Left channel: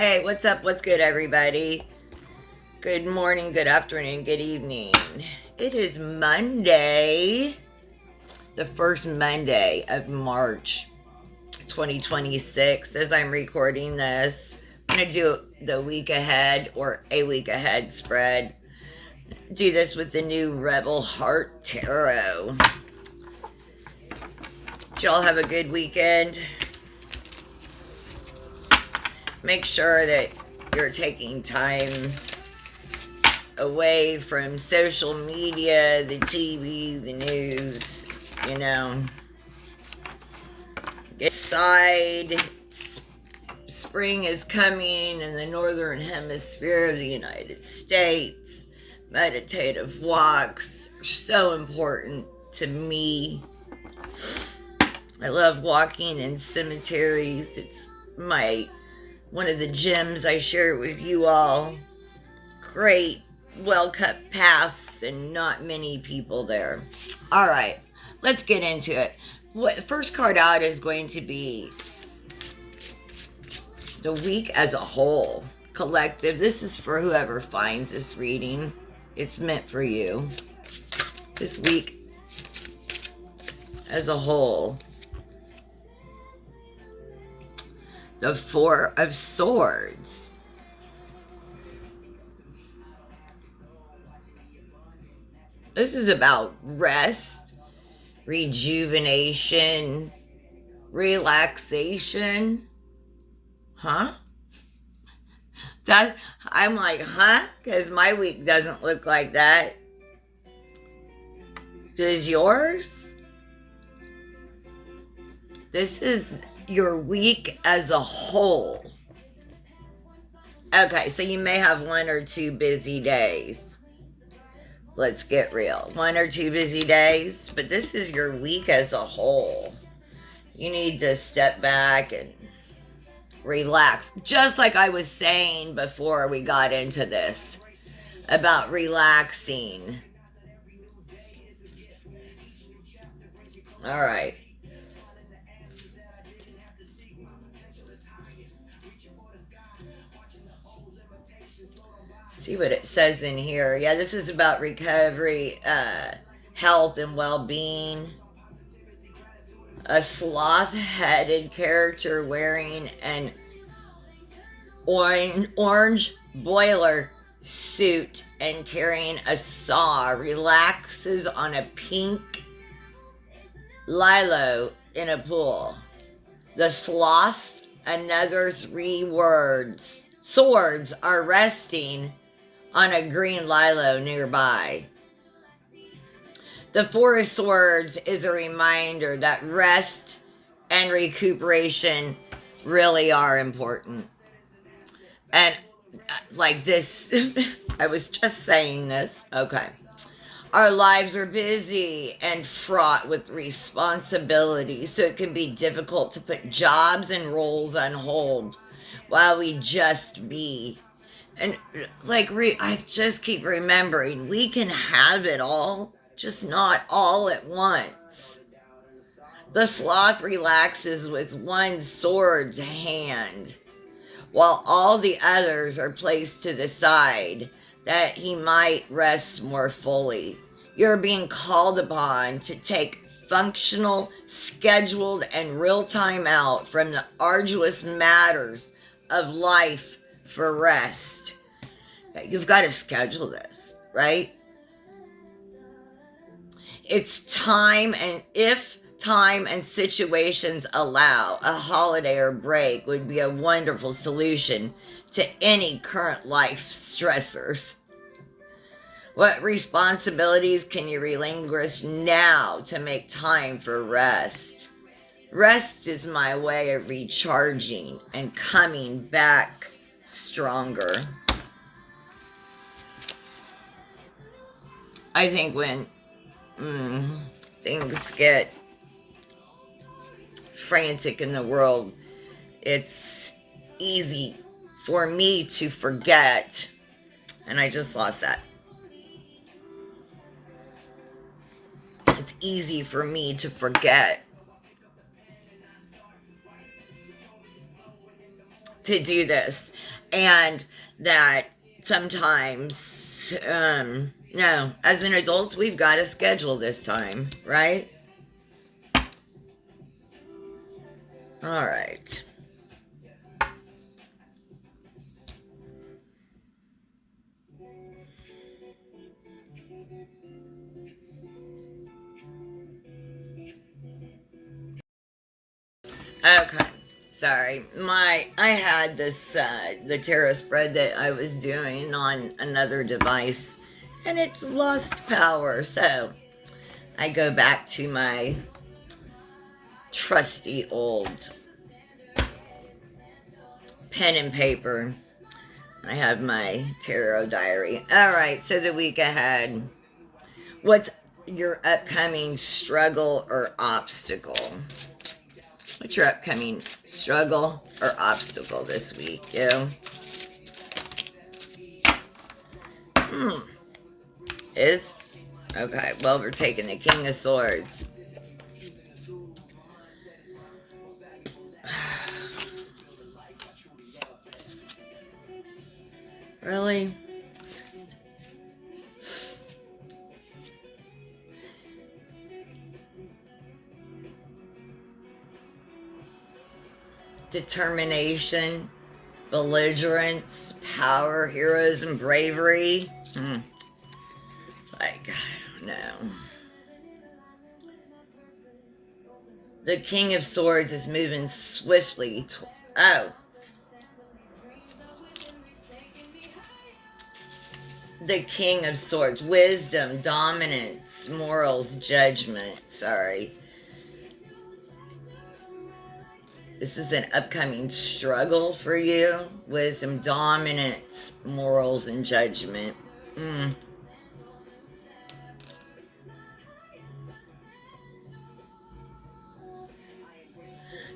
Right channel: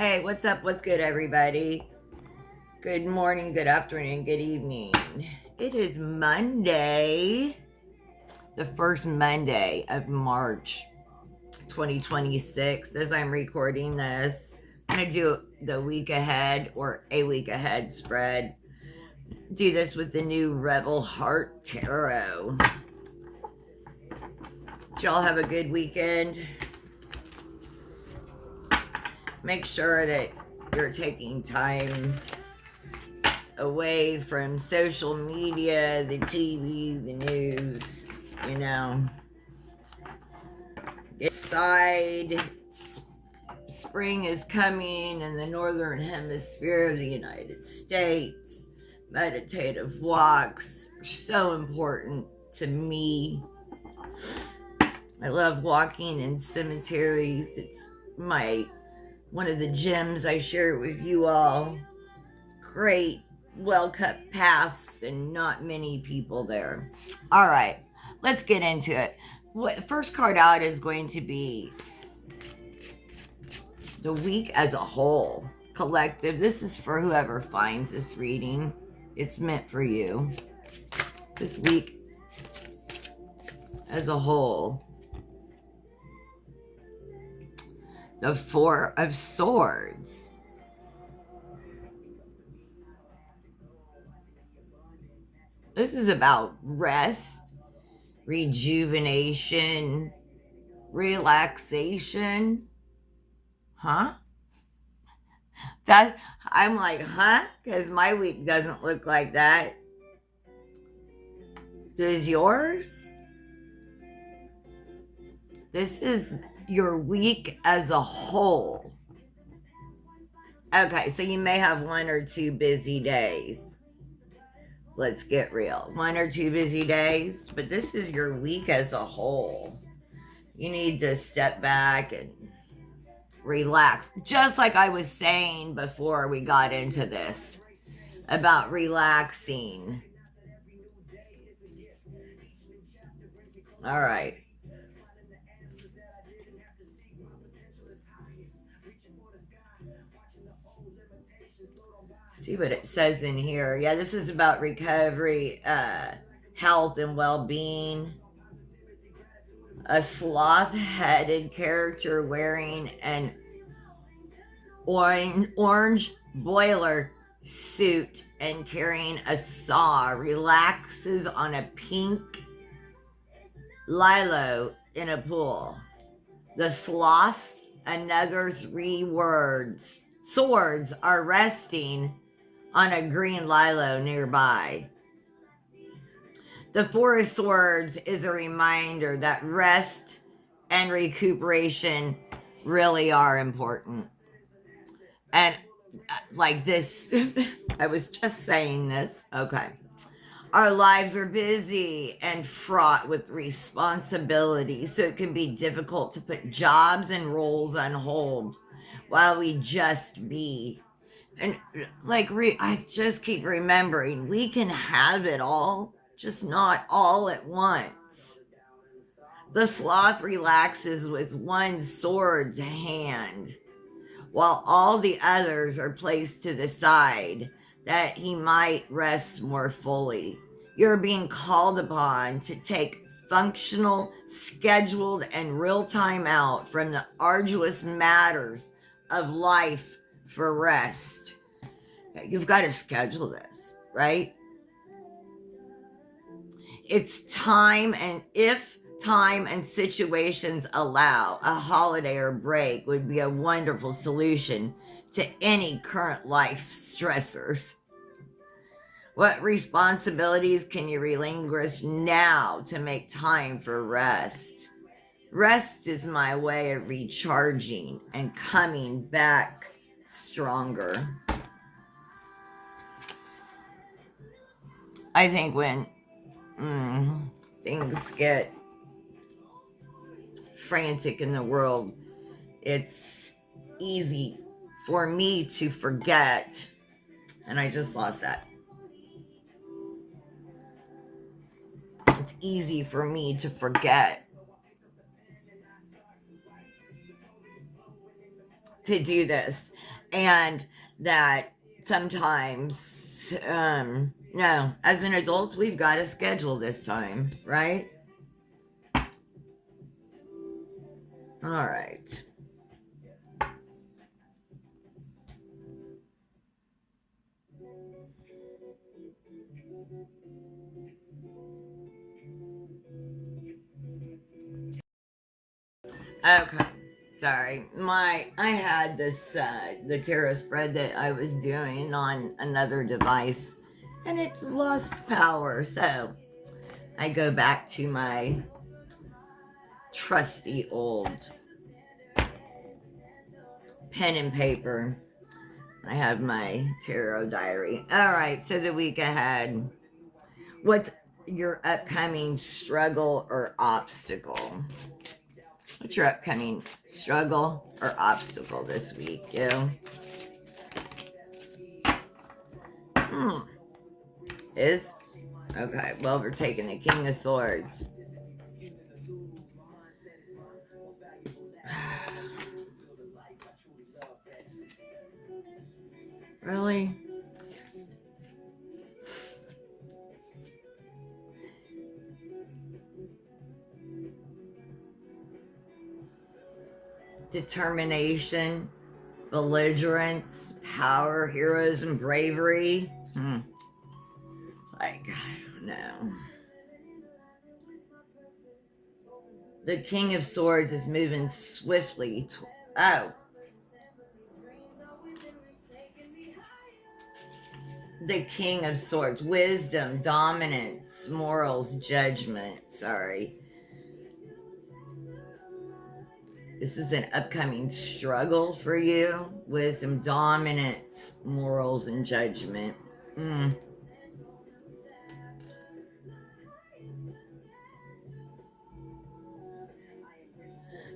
Hey, what's up? What's good, everybody? Good morning, good afternoon, good evening. It is Monday, the first Monday of March 2026. As I'm recording this, I'm going to do the week ahead or a week ahead spread. Do this with the new Rebel Heart Tarot. Did y'all have a good weekend? Make sure that you're taking time away from social media, the TV, the news, Get inside. Spring is coming in the northern hemisphere of the United States. Meditative walks are so important to me. I love walking in cemeteries. It's one of the gems I share with you all. Great, well-cut paths and not many people there. All right, let's get into it. First card out is going to be the week as a whole. Collective. This is for whoever finds this reading. It's meant for you. This week as a whole. The Four of Swords. This is about rest, rejuvenation, relaxation. Huh? I'm like, huh? Because my week doesn't look like that. Does yours? This is your week as a whole. Okay, so you may have one or two busy days. Let's get real. One or two busy days, but this is your week as a whole. You need to step back and relax. Just like I was saying before we got into this about relaxing. All right. See what it says in here. Yeah, this is about recovery, health, and well-being. A sloth-headed character wearing an orange boiler suit and carrying a saw relaxes on a pink lilo in a pool. The sloths, another 3 words, swords are resting on a green lilo nearby. The Four of Swords is a reminder that rest and recuperation really are important. And like this, I was just saying this. Okay. Our lives are busy and fraught with responsibility, so it can be difficult to put jobs and roles on hold while we just be. And I just keep remembering, we can have it all, just not all at once. The sloth relaxes with one sword's hand, while all the others are placed to the side, that he might rest more fully. You're being called upon to take functional, scheduled, and real time out from the arduous matters of life for rest. You've got to schedule this, right? It's time, and if time and situations allow, a holiday or break would be a wonderful solution to any current life stressors. What responsibilities can you relinquish now to make time for rest? Rest is my way of recharging and coming back stronger. I think when things get frantic in the world, it's easy for me to forget. And I just lost that. It's easy for me to forget to do this. And that sometimes, no, as an adult, we've got to schedule this time, right? All right. Okay. Sorry. I had this the tarot spread that I was doing on another device and it's lost power. So I go back to my trusty old pen and paper. I have my tarot diary. All right, so the week ahead. What's your upcoming struggle or obstacle? What's your upcoming struggle or obstacle this week, you? Is? Okay, well, we're taking the King of Swords. Really? Determination, belligerence, power, heroism, bravery. Like, I don't know. The King of Swords is moving swiftly. Oh. The King of Swords. Wisdom, dominance, morals, judgment. Sorry. This is an upcoming struggle for you. Wisdom, dominance, morals, and judgment.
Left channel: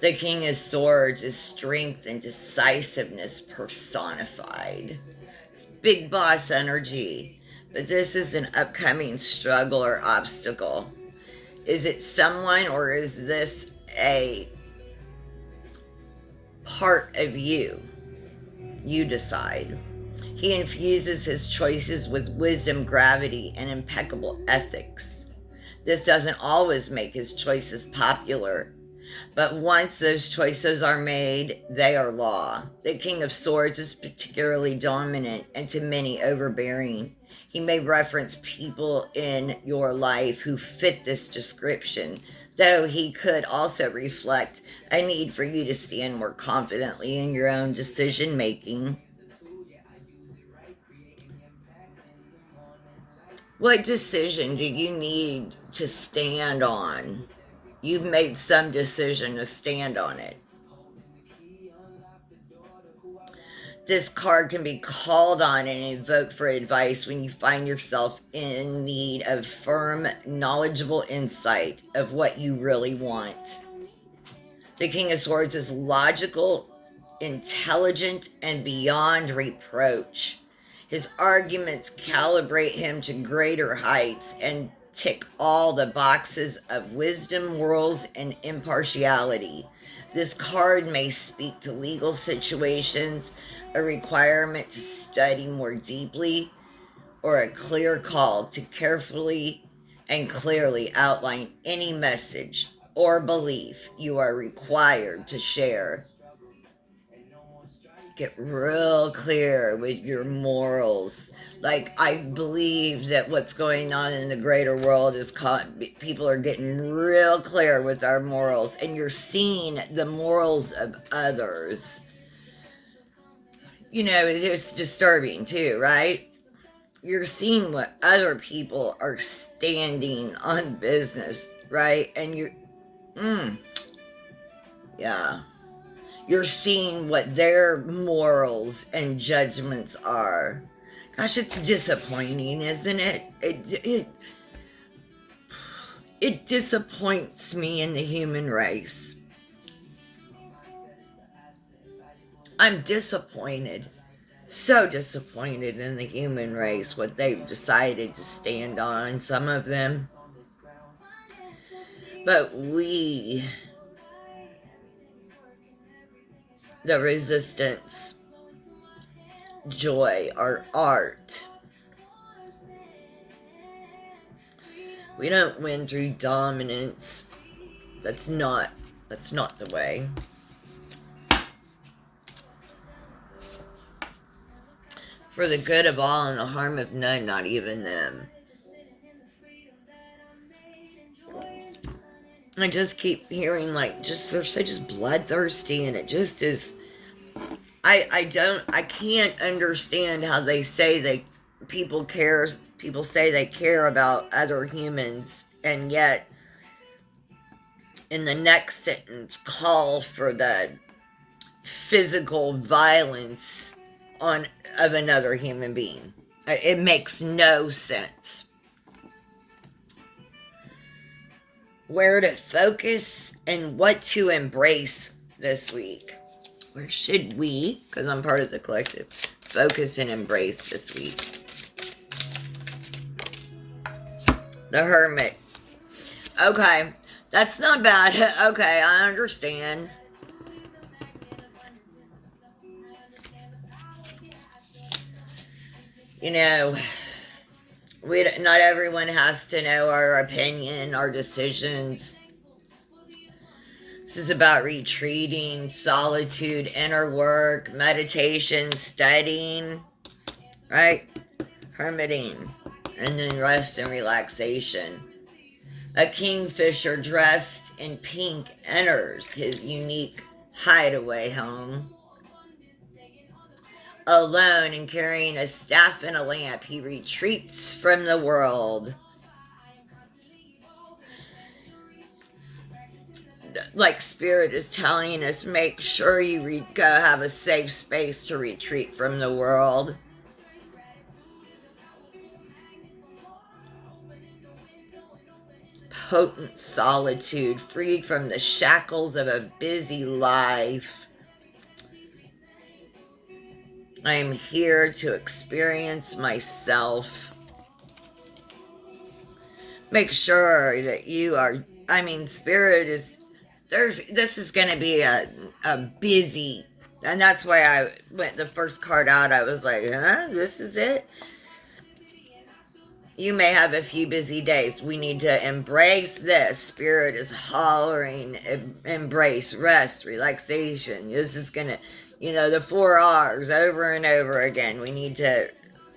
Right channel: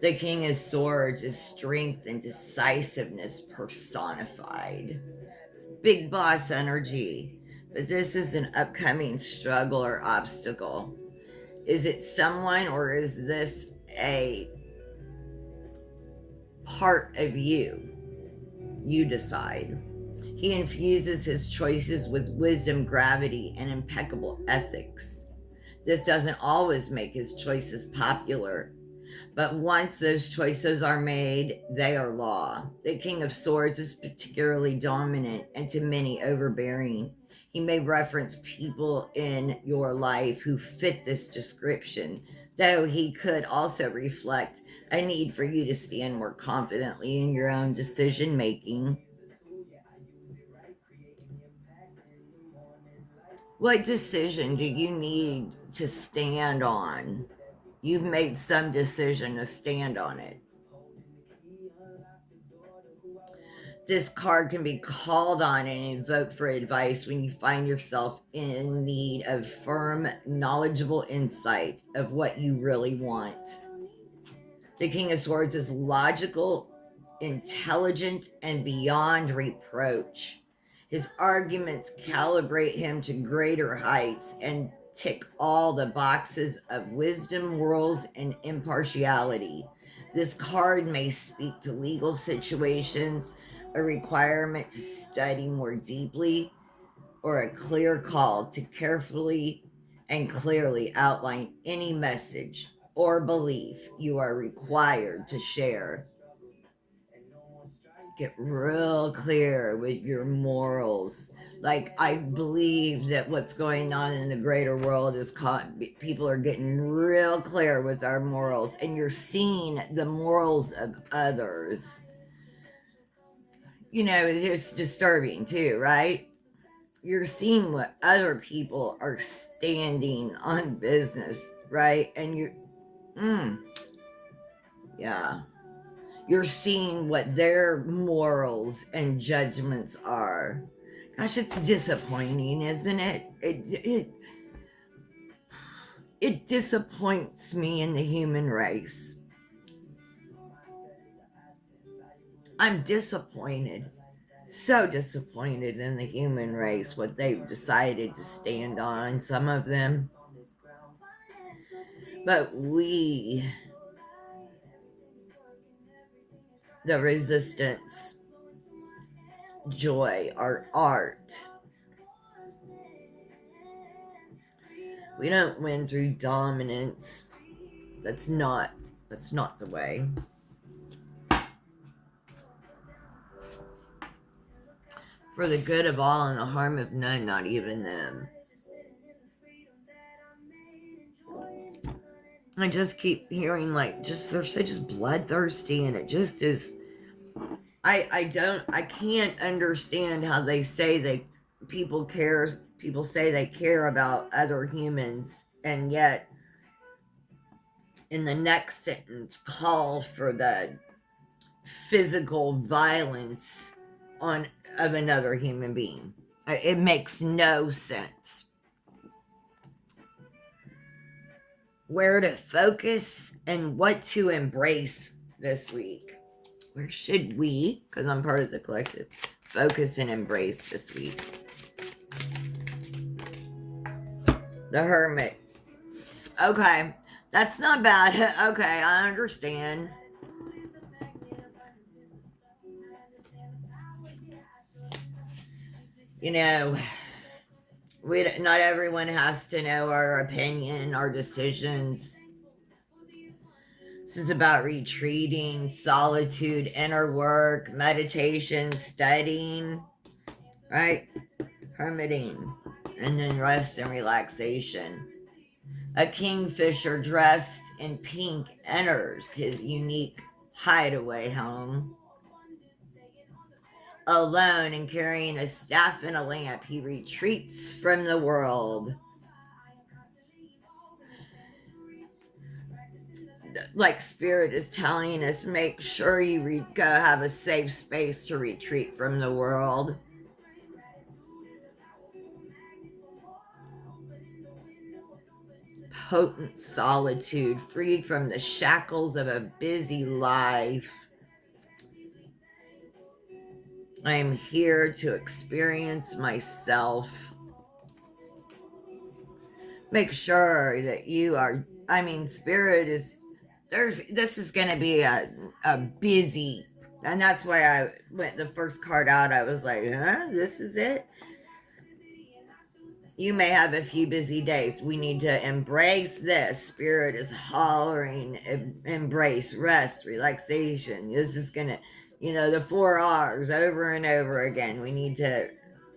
The King of Swords is strength and decisiveness personified. It's big boss energy. But this is an upcoming struggle or obstacle. Is it someone or is this a part of you? You decide. He infuses his choices with wisdom, gravity, and impeccable ethics. This doesn't always make his choices popular, but once those choices are made, they are law. The King of Swords is particularly dominant and to many overbearing. He may reference people in your life who fit this description, though he could also reflect a need for you to stand more confidently in your own decision making. What decision do you need to stand on? You've made some decision to stand on it. This card can be called on and invoked for advice when you find yourself in need of firm, knowledgeable insight of what you really want. The King of Swords is logical, intelligent, and beyond reproach. His arguments calibrate him to greater heights and tick all the boxes of wisdom, morals, and impartiality. This card may speak to legal situations, a requirement to study more deeply, or a clear call to carefully and clearly outline any message or belief you are required to share. Get real clear with your morals. Like, I believe that what's going on in the greater world is people are getting real clear with our morals, and you're seeing the morals of others. You know, it's disturbing too, right? You're seeing what other people are standing on business, right? And yeah. You're seeing what their morals and judgments are. Gosh, it's disappointing, isn't it? It disappoints me in the human race. I'm disappointed. So disappointed in the human race, what they've decided to stand on, some of them. But we the resistance, joy, or art. We don't win through dominance. That's not the way. For the good of all and the harm of none, not even them. I just keep hearing they're so just bloodthirsty, and it just is. I can't understand how they say people say they care about other humans, and yet in the next sentence call for the physical violence of another human being. It makes no sense. Where to focus and what to embrace this week. Where should we, because I'm part of the collective, focus and embrace this week? The Hermit. Okay, that's not bad. Okay, I understand. You know, not everyone has to know our opinion, our decisions. This is about retreating, solitude, inner work, meditation, studying, right? Hermiting, and then rest and relaxation. A kingfisher dressed in pink enters his unique hideaway home. Alone and carrying a staff and a lamp, he retreats from the world. Like Spirit is telling us, make sure you go have a safe space to retreat from the world. Potent solitude, freed from the shackles of a busy life. I am here to experience myself. Make sure that you are, Spirit is, this is going to be a busy, and that's why I went the first card out. I was like, this is it. You may have a few busy days. We need to embrace this. Spirit is hollering, embrace, rest, relaxation. This is going to, the 4 R's over and over again. We need to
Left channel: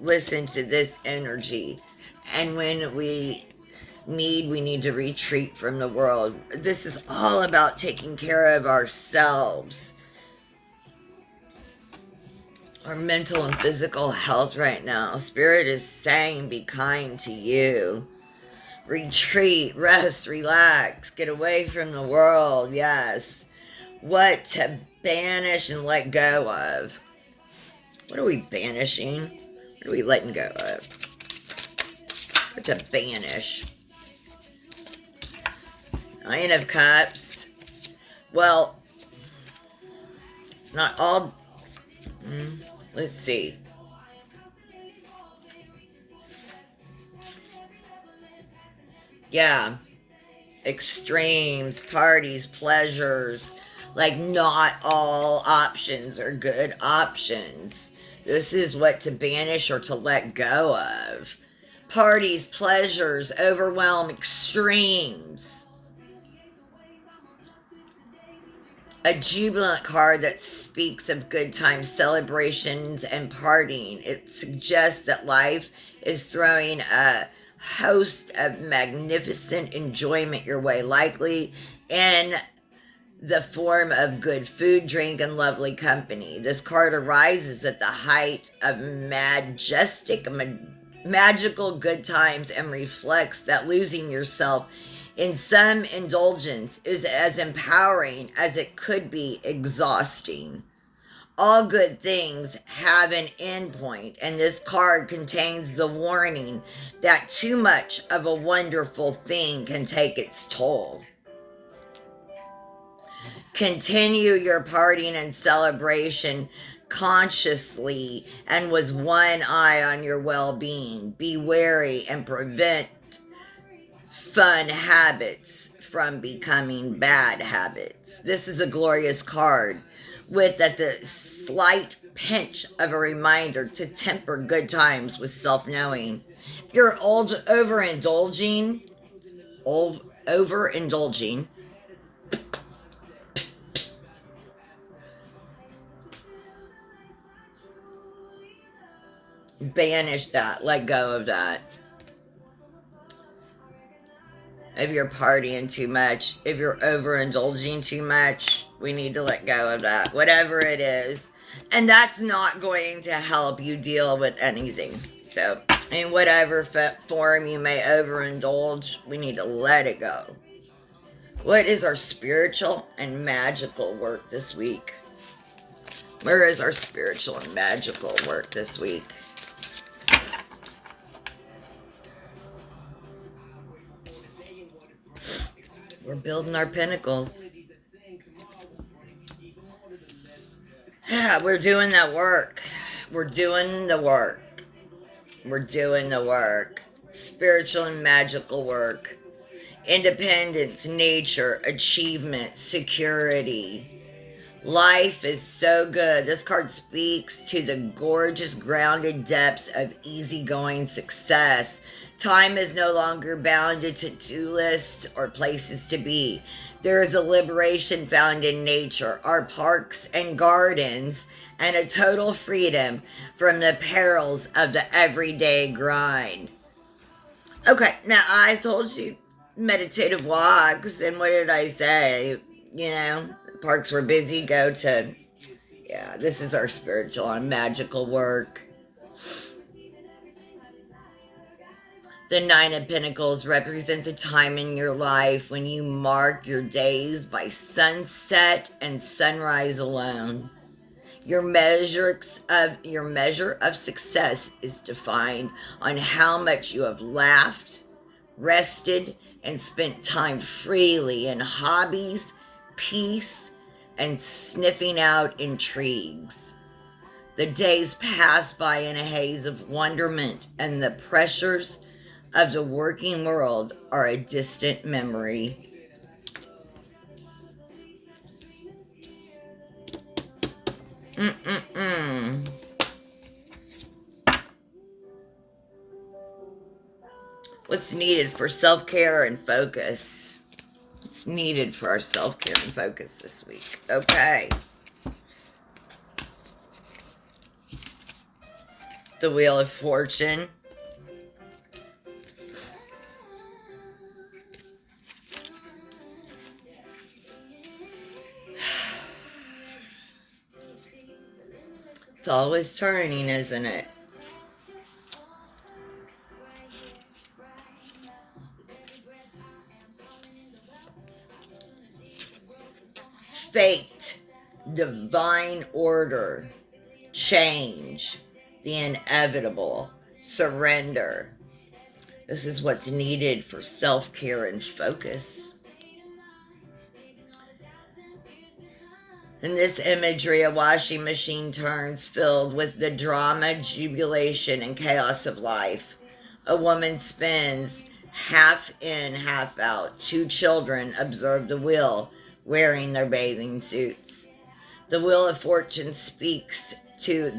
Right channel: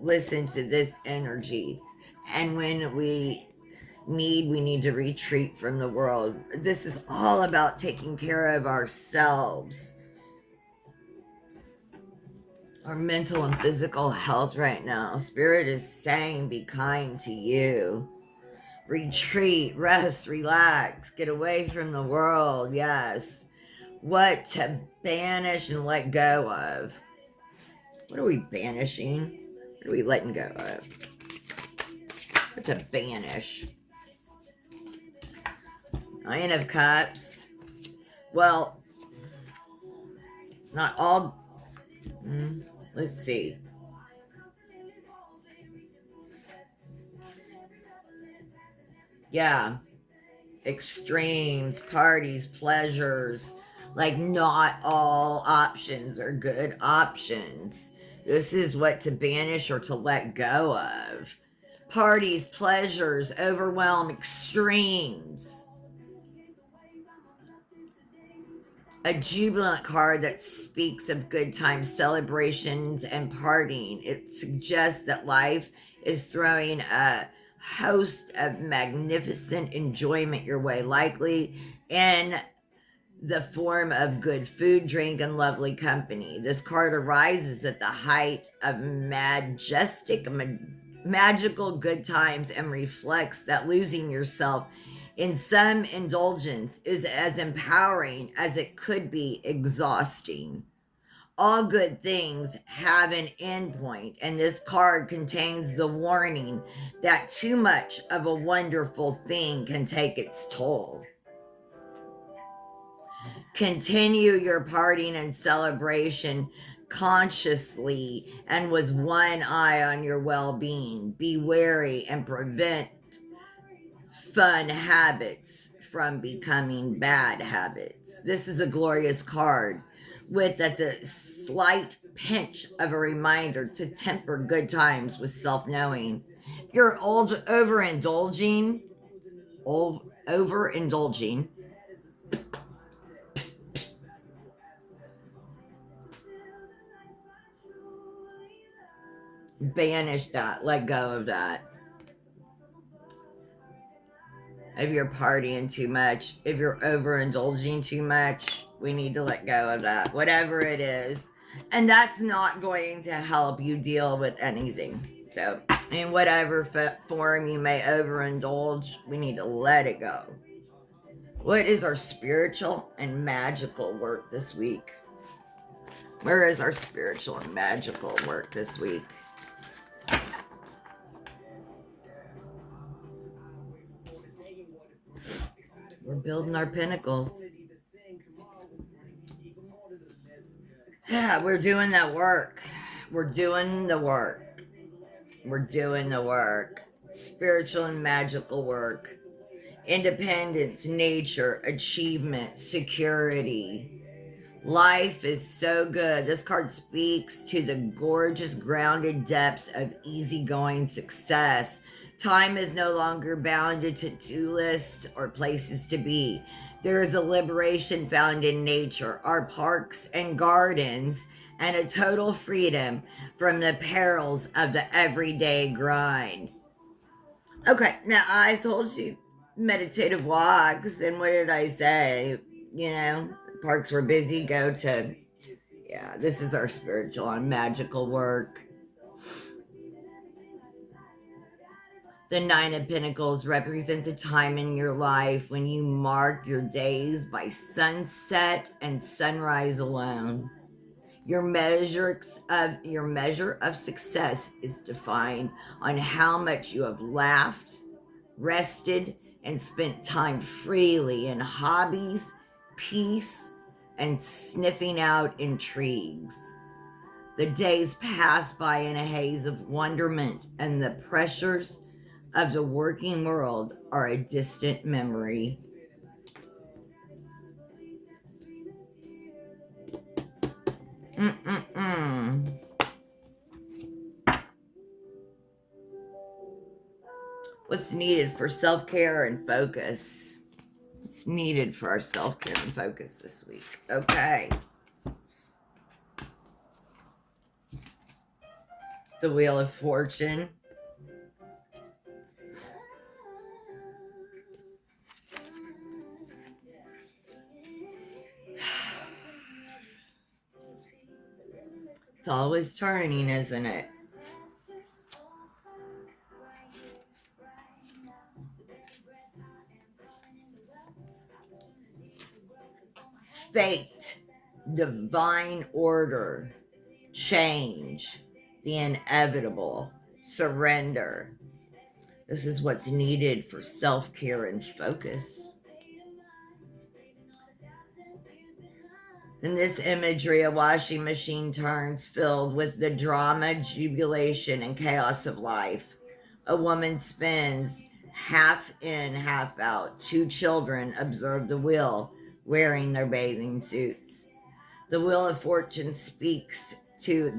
listen to this energy. And when we need to retreat from the world. This is all about taking care of ourselves. Our mental and physical health right now. Spirit is saying, be kind to you. Retreat, rest, relax, get away from the world. Yes. What to banish and let go of. What are we banishing? What are we letting go of? What to banish? Nine of Cups. Well, not all. Let's see. Yeah. Extremes, parties, pleasures. Like, not all options are good options. This is what to banish or to let go of. Parties, pleasures, overwhelm, extremes. A jubilant card that speaks of good times, celebrations, and partying. It suggests that life is throwing a host of magnificent enjoyment your way, likely in the form of good food, drink, and lovely company. This card arises at the height of magical good times and reflects that losing yourself in some indulgence is as empowering as it could be exhausting. All good things have an end point, and this card contains the warning that too much of a wonderful thing can take its toll. Continue your partying and celebration consciously and with one eye on your well-being. Be wary and prevent fun habits from becoming bad habits. This is a glorious card. with at the slight pinch of a reminder to temper good times with self-knowing. If you're overindulging, banish that, let go of that. If you're partying too much, if you're overindulging too much, we need to let go of that, whatever it is. And that's not going to help you deal with anything. So, in whatever form you may overindulge, we need to let it go. What is our spiritual and magical work this week? Where is our spiritual and magical work this week? We're building our pinnacles. Yeah, we're doing that work. We're doing the work. We're doing the work. Spiritual and magical work. Independence, nature, achievement, security. Life is so good. This card speaks to the gorgeous, grounded depths of easygoing success. Time is no longer bounded to to-do lists or places to be. There is a liberation found in nature, our parks and gardens, and a total freedom from the perils of the everyday grind. Okay, now I told you meditative walks, and what did I say? You know, parks were busy, go to, yeah, this is our spiritual and magical work. The Nine of Pentacles represents a time in your life when you mark your days by sunset and sunrise alone. Your measure of success is defined on how much you have laughed, rested, and spent time freely in hobbies, peace, and sniffing out intrigues. The days pass by in a haze of wonderment, and the pressures of the working world are a distant memory. What's needed for self-care and focus? What's needed for our self-care and focus this week? Okay. The Wheel of Fortune. It's always turning, isn't it? Fate, divine order, change, the inevitable, surrender. This is what's needed for self-care and focus. In this imagery, a washing machine turns filled with the drama, jubilation, and chaos of life. A woman spins, half in, half out. Two children observe the wheel, wearing their bathing suits. The Wheel of Fortune speaks to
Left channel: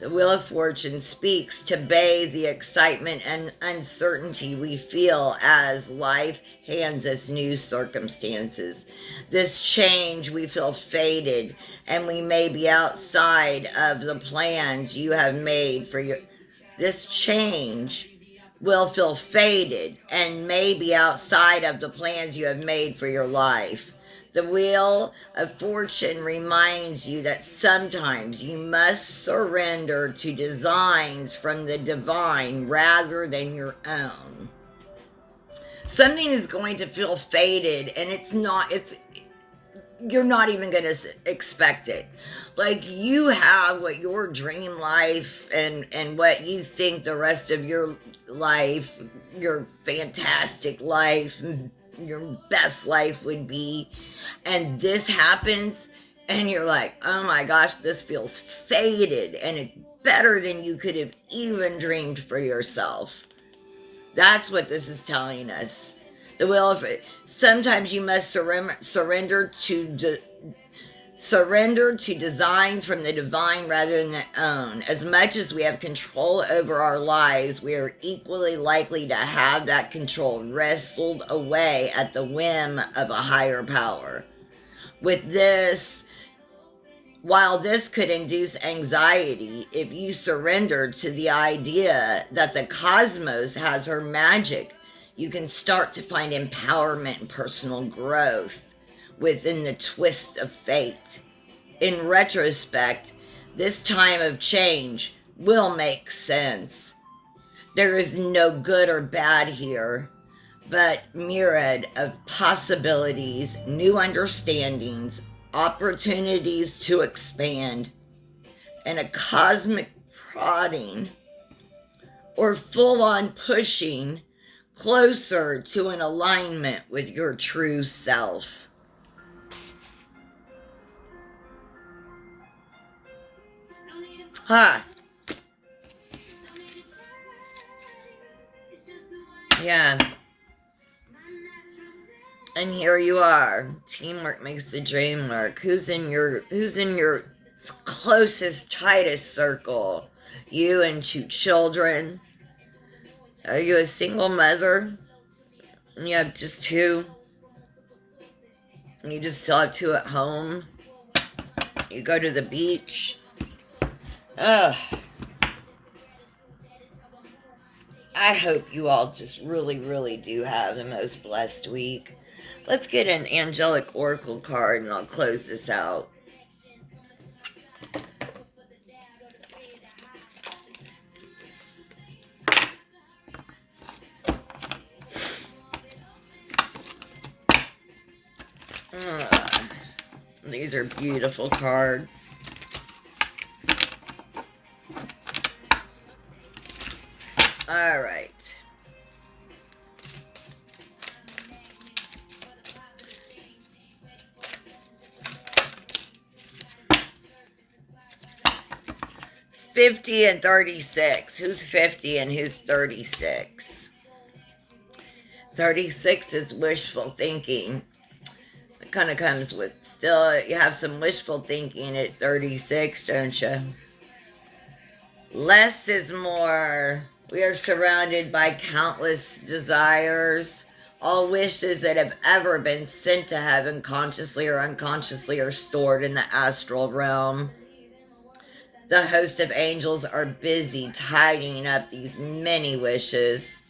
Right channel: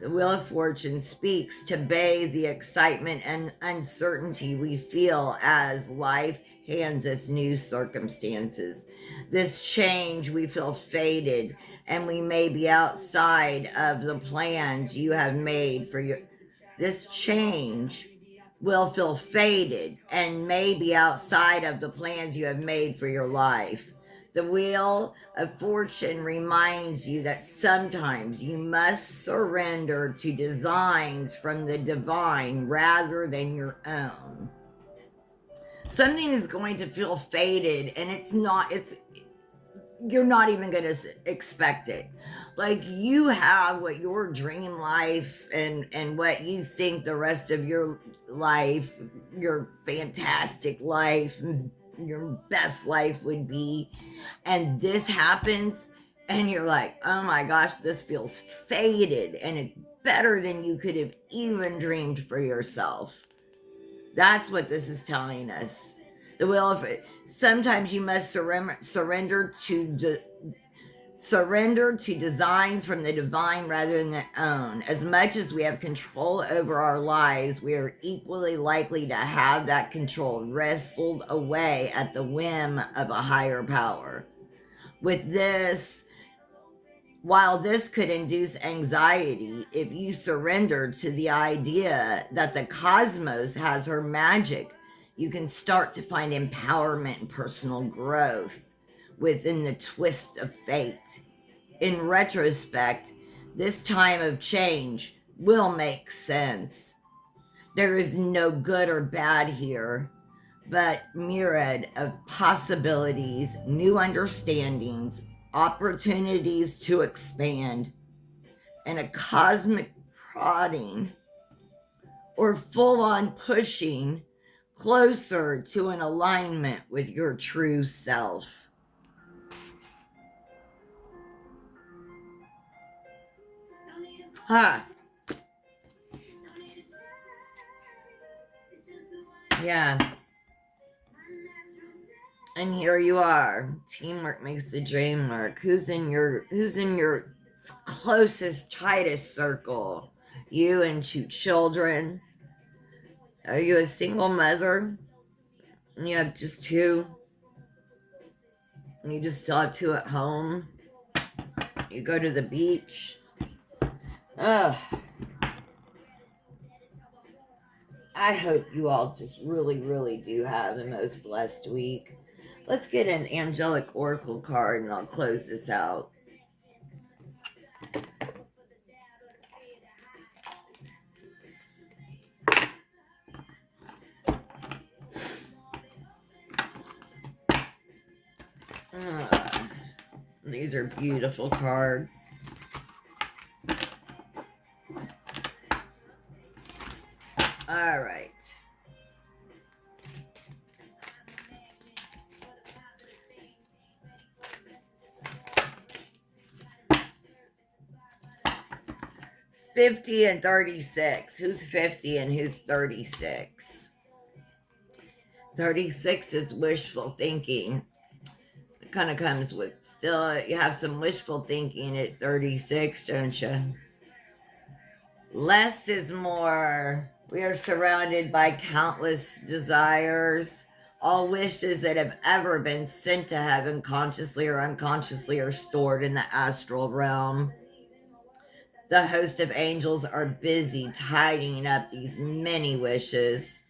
the Wheel of Fortune speaks to bathe the excitement and uncertainty we feel as life hands us new circumstances. This change we feel faded, and we may be outside of the plans you have made for your. This change will feel faded and may be outside of the plans you have made for your life. The Wheel of Fortune reminds you that sometimes you must surrender to designs from the divine rather than your own. Something is going to feel faded, and you're not even going to expect it. Like, you have what your dream life and what you think the rest of your life, your fantastic life, your best life would be, and this happens, and you're like, oh my gosh, this feels faded, and it's better than you could have even dreamed for yourself. That's what this is telling us. The will of sometimes you must surrender to designs from the divine rather than their own. As much as we have control over our lives, we are equally likely to have that control wrestled away at the whim of a higher power. With this, while this could induce anxiety, if you surrender to the idea that the cosmos has her magic, you can start to find empowerment and personal growth within the twist of fate. In retrospect, this time of change will make sense. There is no good or bad here, but myriad of possibilities, new understandings, opportunities to expand, and a cosmic prodding or full-on pushing closer to an alignment with your true self. Huh. Yeah. And here you are. Teamwork makes the dream work. Who's in your closest, tightest circle? You and 2 children. Are you a single mother? And you have just 2? And you just still have 2 at home? You go to the beach? Ugh. I hope you all just really, really do have the most blessed week. Let's get an angelic oracle card and I'll close this out. These are beautiful cards. All right. $50 and $36. Who's 50 and who's 36? 36 is wishful thinking. It kind of comes with, still, you have some wishful thinking at 36, don't you? Less is more. We are surrounded by countless desires. All wishes that have ever been sent to heaven, consciously or unconsciously, are stored in the astral realm. The host of angels are busy tidying up these many wishes.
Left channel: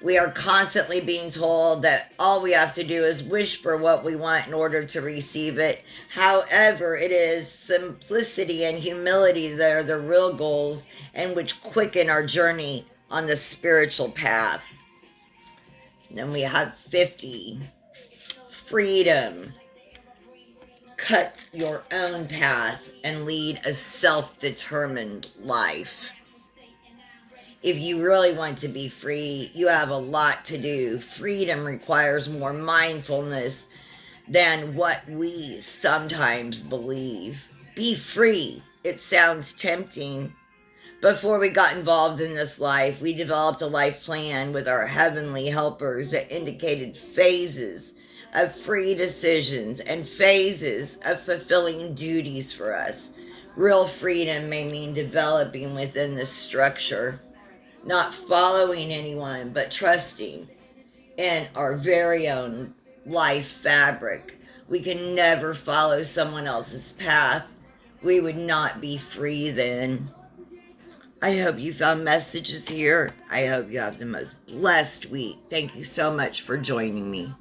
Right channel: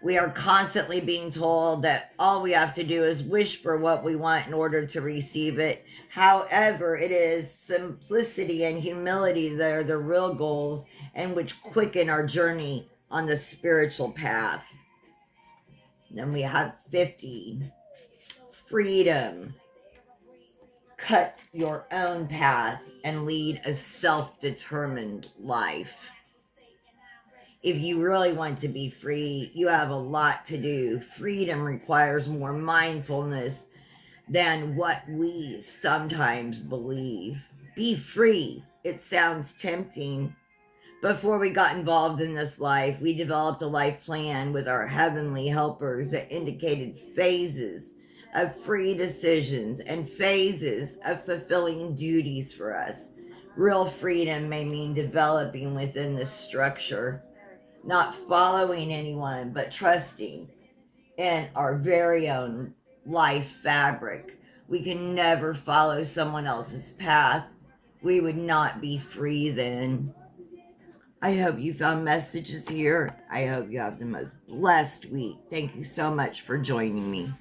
We are constantly being told that all we have to do is wish for what we want in order to receive it. However, it is simplicity and humility that are the real goals and which quicken our journey on the spiritual path. And then we have 50. Freedom. Cut your own path and lead a self-determined life. If you really want to be free, you have a lot to do. Freedom requires more mindfulness than what we sometimes believe. Be free. It sounds tempting. Before we got involved in this life, we developed a life plan with our heavenly helpers that indicated phases of free decisions and phases of fulfilling duties for us. Real freedom may mean developing within the structure, not following anyone, but trusting in our very own life fabric. We can never follow someone else's path. We would not be free then. I hope you found messages here. I hope you have the most blessed week. Thank you so much for joining me.